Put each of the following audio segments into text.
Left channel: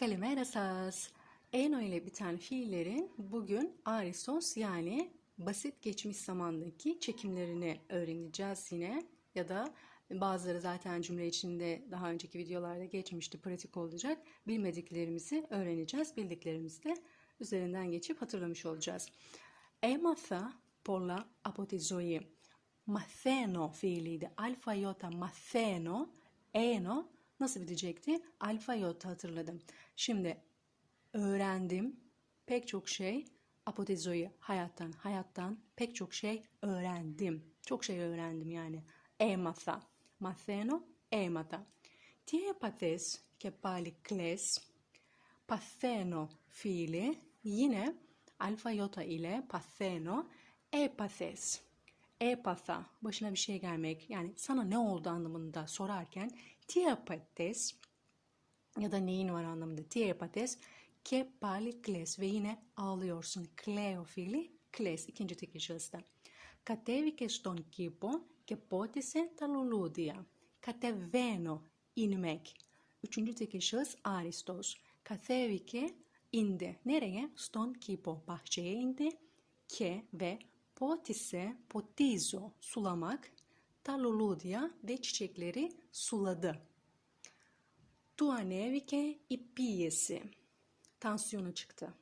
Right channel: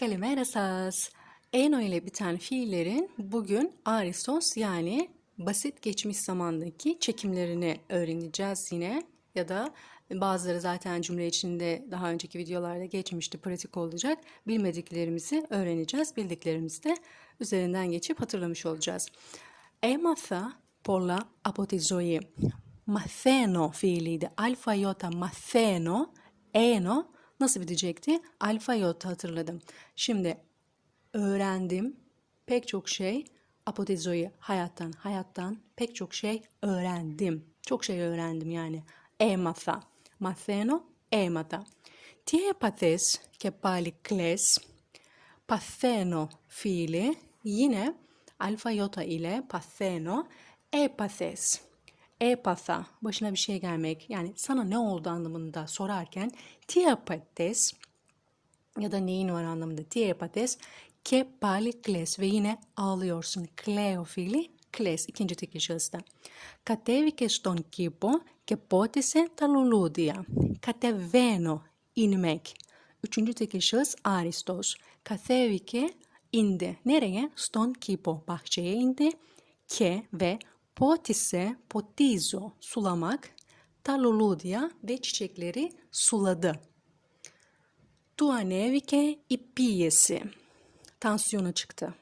Kalimera saz. Eno ile biten fiillerin bugün aristos yani basit geçmiş zamandaki çekimlerini öğreneceğiz yine. Ya da bazıları zaten cümle içinde daha önceki videolarda geçmişti, pratik olacak. Bilmediklerimizi öğreneceğiz. Bildiklerimizi de üzerinden geçip hatırlamış olacağız. Έμαθα πολλά από τη ζωή. Μαθαίνω fiiliydi. Alfa yota μαθαίνω. Eno nasıl bitecekti? Alfa yota hatırladım. Şimdi öğrendim pek çok şey. Apotezoi hayattan, hayattan pek çok şey öğrendim. Çok şey öğrendim yani. Έμαθα. Μαθαίνω, έμαθα. Τι έπαθες και πάλι κλαις. Παθαίνω fiili yine alfa yota ile patheno epathes. Epatha başına bir şey gelmek yani sana ne oldu anlamında sorarken tiapates ya da neyin var anlamında tiapates ke pali kles ve yine ağlıyorsun. Kleo fiili kles ikinci tekil şahısta. Κατέβηκε στον κήπο και πότισε τα λουλούδια. Κατεβαίνω, inmek. Üçüncü tekil şahıs Aristos. Κατέβηκε, indi. Nereye? Στον κήπο. Bahçeye indi. Ke ve Pot ise potizo sulamak, talolodia ve çiçekleri suladı. Tuanevike ipiyesi tansiyona çıktı.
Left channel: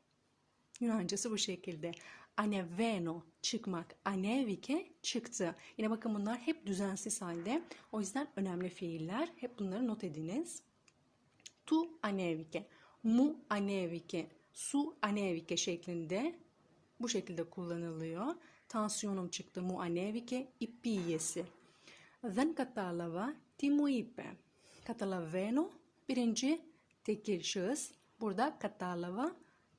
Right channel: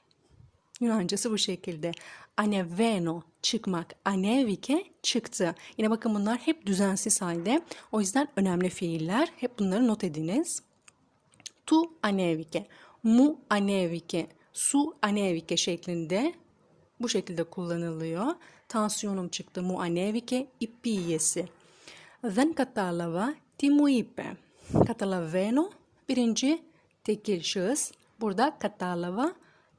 Yunancası bu şekilde. Aneveno çıkmak, anevike çıktı. Yine bakın bunlar hep düzensiz halde. O yüzden önemli fiiller. Hep bunları not ediniz. Tu anevike, mu anevike, su anevike şeklinde bu şekilde kullanılıyor Tansiyonum çıktı. Mu anevike ipiyesi. Δεν κατάλαβα τι μου είπε. Καταλαβαίνω birinci tekil şahıs. Burada κατάλαβα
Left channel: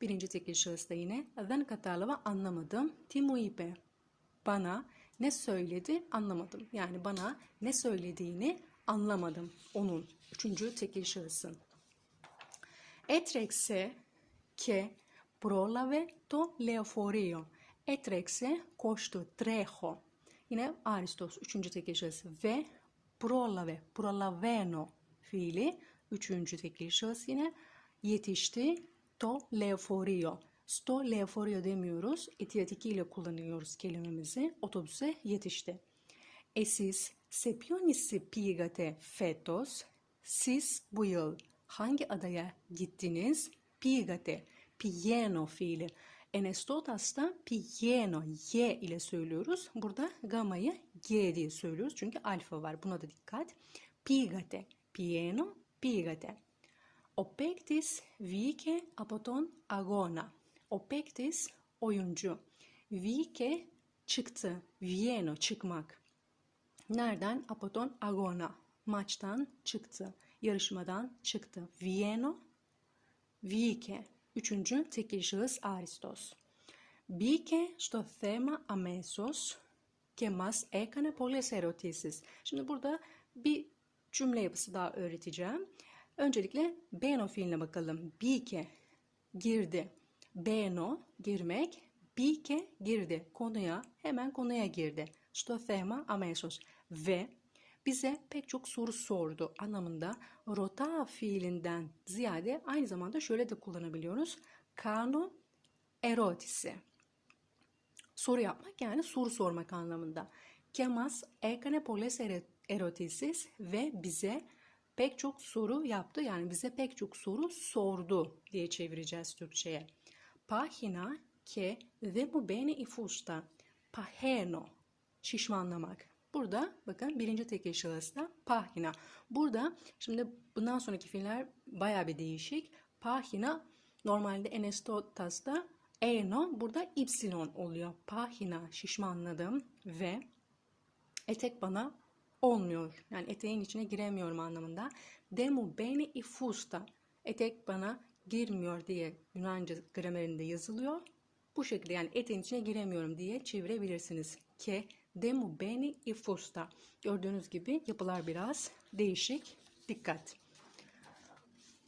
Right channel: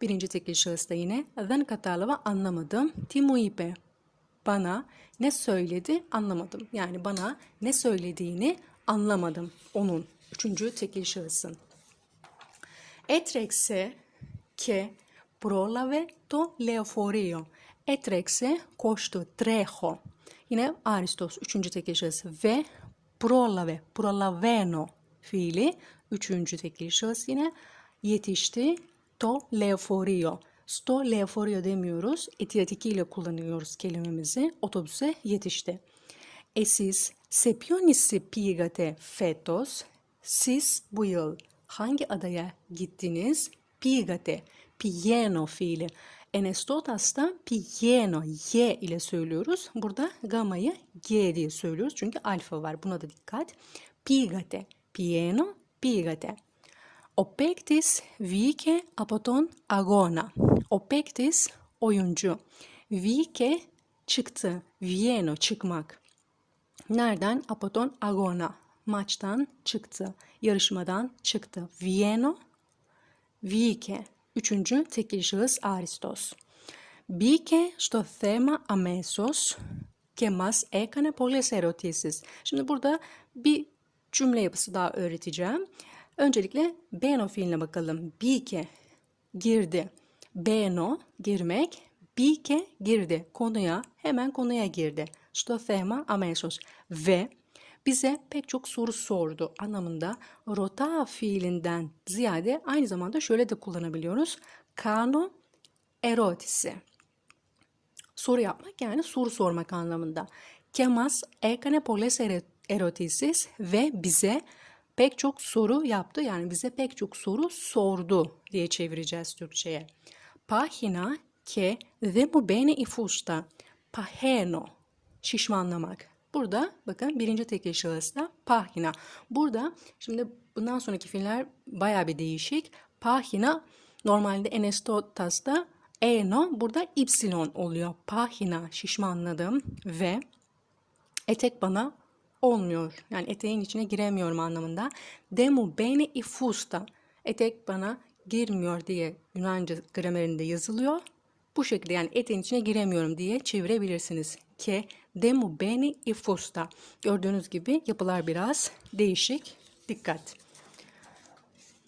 birinci tekil şahısta yine. Δεν κατάλαβα anlamadım. Τι μου είπε. Bana ne söyledi anlamadım. Yani bana ne söylediğini anlamadım. Onun üçüncü tekil şahısın. Έτρεξε και πρόλαβε το λεωφορείο. Έτρεξε, koştu, τρέχω. Yine Aristos üçüncü tekil şahıs ve prolave, prolaveno fiili üçüncü tekil şahıs yine yetişti to leoforio. Sto leoforio demiyoruz. Etiatiki ile kullanıyoruz kelimemizi. Otobüse yetişti. E siz σε ποιον nisi πήγατε φέτος? Siz bu yıl hangi adaya gittiniz? Πήγατε. Piyeno fiili. Enesdotas'ta piyeno, y ile söylüyoruz. Burada gammayı g diye söylüyoruz. Çünkü alfa var. Buna da dikkat. Pigate, piyeno, pigate. O pektis vike apoton agona. O pektis oyuncu. Vike çıktı. Vieno çıkmak. Nereden? Apoton agona. Maçtan çıktı. Yarışmadan çıktı. Vieno, vike. Üçüncü tekil şahıs Aristos. Μπήκε στο θέμα αμέσως και μας έκανε πολλές ερωτήσεις. Şimdi burada bir cümle yapısı daha öğreteceğim. Öncelikle beno fiiline bakalım. Bike girdi. Beno girmek. Bike girdi. Konuya hemen konuya girdi. Στο θέμα αμέσως. Ve bize pek çok soru sordu anlamında rota fiilinden ziyade aynı zamanda şöyle de kullanabiliyoruz. Kano erotisi. Soru yapmak yani soru sormak anlamında. Kemas ekane poles erotisis ve bize pek çok soru yaptı. Yani bize pek çok soru sordu diye çevireceğiz Türkçe'ye. Pahina ke ve mu bene ifusta. Paheno şişmanlamak. Burada bakın birinci tekil şahısta pahina. Burada şimdi bundan sonraki fiiller baya bir değişik. Pahina normalde enestotas'ta eno burada ipsilon oluyor. Pahina şişmanladım ve etek bana olmuyor. Yani eteğin içine giremiyorum anlamında. Demu bene ifusta. Etek bana girmiyor diye Yunanca gramerinde yazılıyor. Bu şekilde yani eteğin içine giremiyorum diye çevirebilirsiniz. Ke Demu beni ifusta. Gördüğünüz gibi yapılar biraz değişik. Dikkat.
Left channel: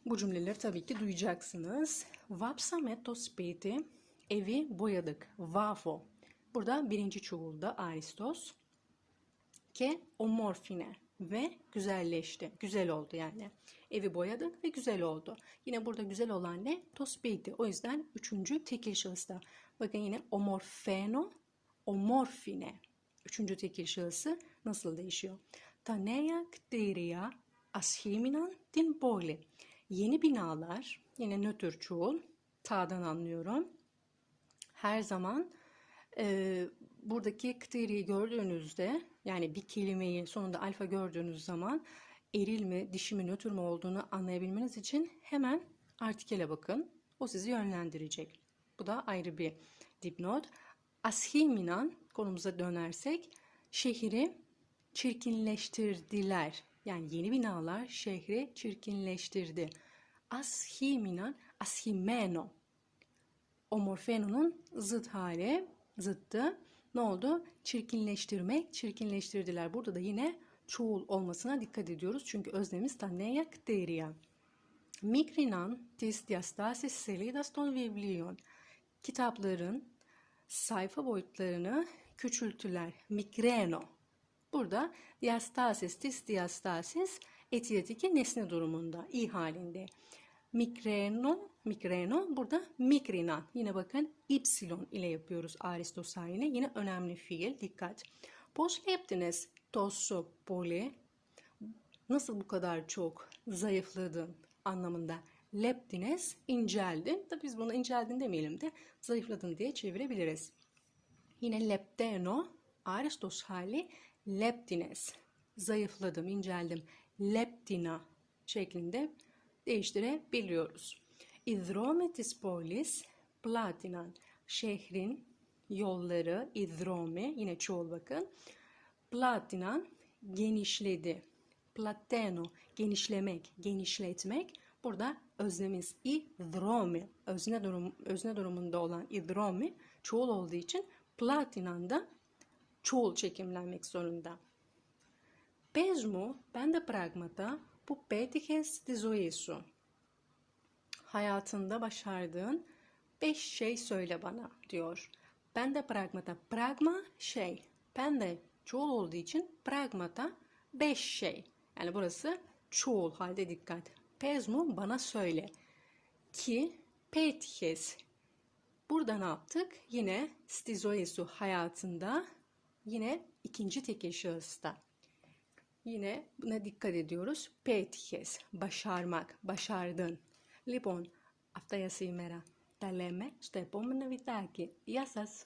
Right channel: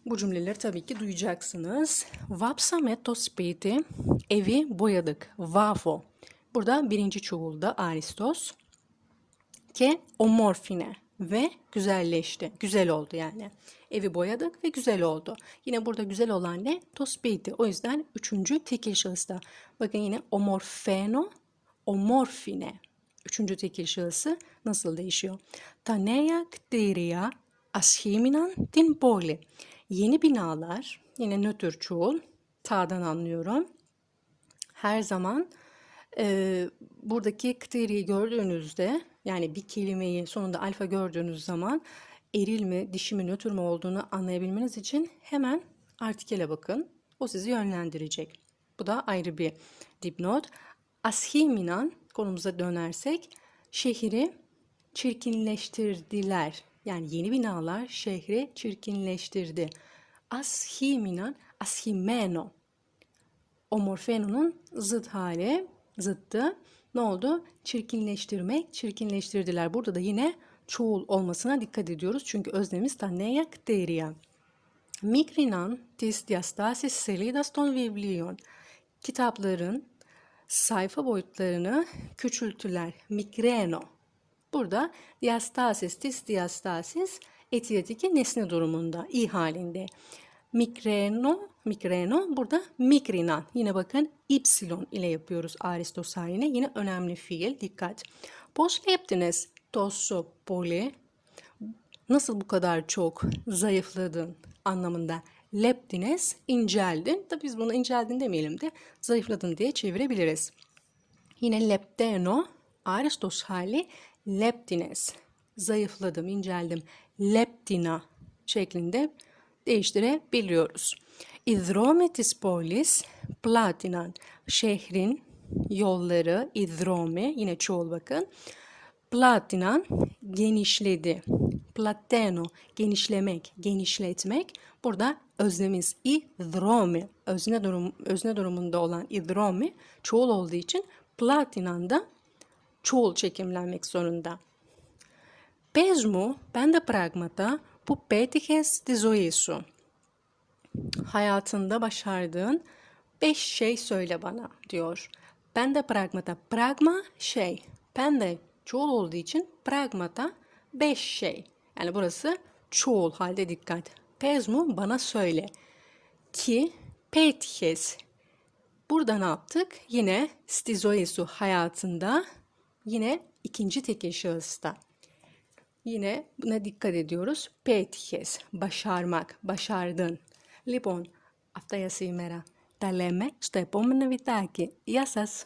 Bu cümleleri tabii ki duyacaksınız. Vapsametto spiti evi boyadık. Vafo. Burada birinci çoğulda aristos. Ke omorfine ve güzelleşti. Güzel oldu yani. Evi boyadık ve güzel oldu. Yine burada güzel olan ne? Tospiti. O yüzden üçüncü tekil şahısta. Bakın yine omorfeno, omorfine üçüncü tekil şahısı nasıl değişiyor? Ta nea kteria ashiminan din boli. Yeni binalar, yine nötr çoğul, ta'dan anlıyorum. Her zaman e, buradaki kteriyi gördüğünüzde yani bir kelimeyi sonunda alfa gördüğünüz zaman eril mi, dişi mi, nötr mü olduğunu anlayabilmeniz için hemen artikele bakın. O sizi yönlendirecek. Bu da ayrı bir dipnot. Ashiminan konumuza dönersek şehri çirkinleştirdiler. Yani yeni binalar şehri çirkinleştirdi. Ashiminan, ashimeno. Omorfeno'nun zıt hali, zıttı. Ne oldu? Çirkinleştirmek, çirkinleştirdiler. Burada da yine çoğul olmasına dikkat ediyoruz. Çünkü öznemiz taneyak deriya. Mikrinan tis diastasis selidas ton viblion. Kitapların sayfa boyutlarını küçültüler. Migreno. Burada diastasis, disdiastasis etiyetiki nesne durumunda, i halinde. Migreno, migreno burada migrinan. Yine bakın y ile yapıyoruz aristosaline. Yine önemli fiil. Dikkat. Posleptiniz tosso poli. Nasıl bu kadar çok zayıfladın anlamında. Leptiniz inceldin. Tabi biz bunu inceldin demeyelim de zayıfladın diye çevirebiliriz. Yine lepteno aristos hali leptines. Zayıfladım, inceldim. Leptina şeklinde değiştirebiliyoruz. İdromi tis polis platinan. Şehrin yolları idromi yine çoğul bakın. Platinan genişledi. Plateno genişlemek, genişletmek. Burada öznemiz idromi. Özne, durum, özne durumunda olan idromi çoğul olduğu için platinan da çoğul çekimlenmek zorunda. Πες μου πέντε πράγματα που πέτυχες στη ζωή σου. Hayatında başardığın beş şey söyle bana diyor. Pende pragmata. Pragma şey. Pende çoğul olduğu için pragmata beş şey. Yani burası çoğul halde dikkat. Pez mu bana söyle. Ki pethes. Burada ne yaptık? Yine stizoesu hayatında yine ikinci tekil şahısta. Yine buna dikkat ediyoruz. Πέτυχες, başarmak, başardın. Λοιπόν, αυτά για σήμερα. Τα λέμε στο επόμενο βιντεάκι. Γεια σας!